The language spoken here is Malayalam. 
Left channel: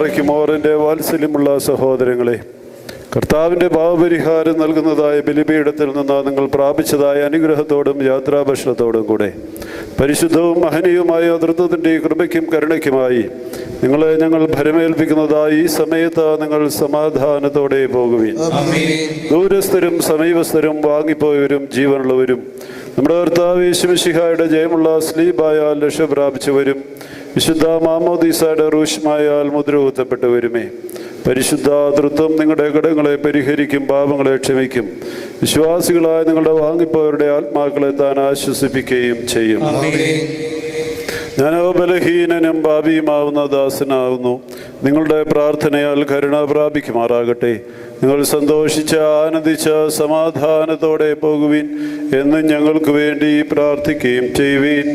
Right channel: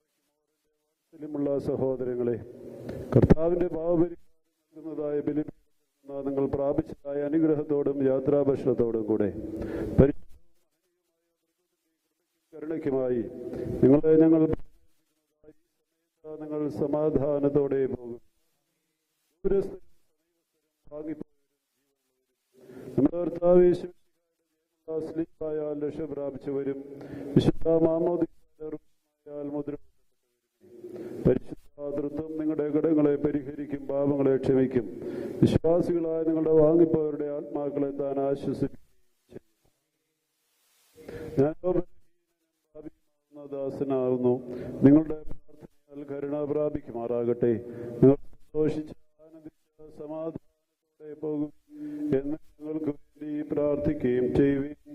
പാറയ്ക്കുമോറിൻ്റെ വാത്സല്യമുള്ള സഹോദരങ്ങളെ, കർത്താവിൻ്റെ പാപപരിഹാരം നൽകുന്നതായ ബലിപീഠത്തിൽ നിന്ന് നിങ്ങൾ പ്രാപിച്ചതായ അനുഗ്രഹത്തോടും യാത്രാഭക്ഷണത്തോടും കൂടെ പരിശുദ്ധവും മഹനീയവുമായ തൃത്വത്തിൻ്റെ കൃപയ്ക്കും കരുണയ്ക്കുമായി നിങ്ങളെ ഞങ്ങൾ ഭരമേൽപ്പിക്കുന്നതായി ഈ സമയത്ത് നിങ്ങൾ സമാധാനത്തോടെ പോകുവിൻ. ദൂരസ്ഥരും സമീപസ്ഥരും വാങ്ങിപ്പോയവരും ജീവനുള്ളവരും നമ്മുടെ കർത്താവ് യേശു മിശിഹായുടെ ജയമുള്ള സ്ലീബായാൽ രക്ഷ പ്രാപിച്ചവരും വിശുദ്ധ മാമോദീസയുടെ റൂഷ്മായാൽ മുദ്രകുത്തപ്പെട്ടവരുമേ, പരിശുദ്ധ തൃത്വം നിങ്ങളുടെ കടങ്ങളെ പരിഹരിക്കും, പാപങ്ങളെ ക്ഷമിക്കും. വിശ്വാസികളായ നിങ്ങളുടെ വാങ്ങിപ്പോയവരുടെ ആത്മാക്കളെ താൻ ആശ്വസിപ്പിക്കുകയും ചെയ്യും. ഞാനോ ബലഹീനനും പാപിയുമാവുന്ന ദാസനാകുന്നു. നിങ്ങളുടെ പ്രാർത്ഥനയാൽ കരുണ പ്രാപിക്കുമാറാകട്ടെ. നിങ്ങൾ സന്തോഷിച്ച് ആനന്ദിച്ച് സമാധാനത്തോടെ പോകുവിൻ എന്ന് ഞങ്ങൾക്ക് വേണ്ടി പ്രാർത്ഥിക്കുകയും ചെയ്യുവിൻ.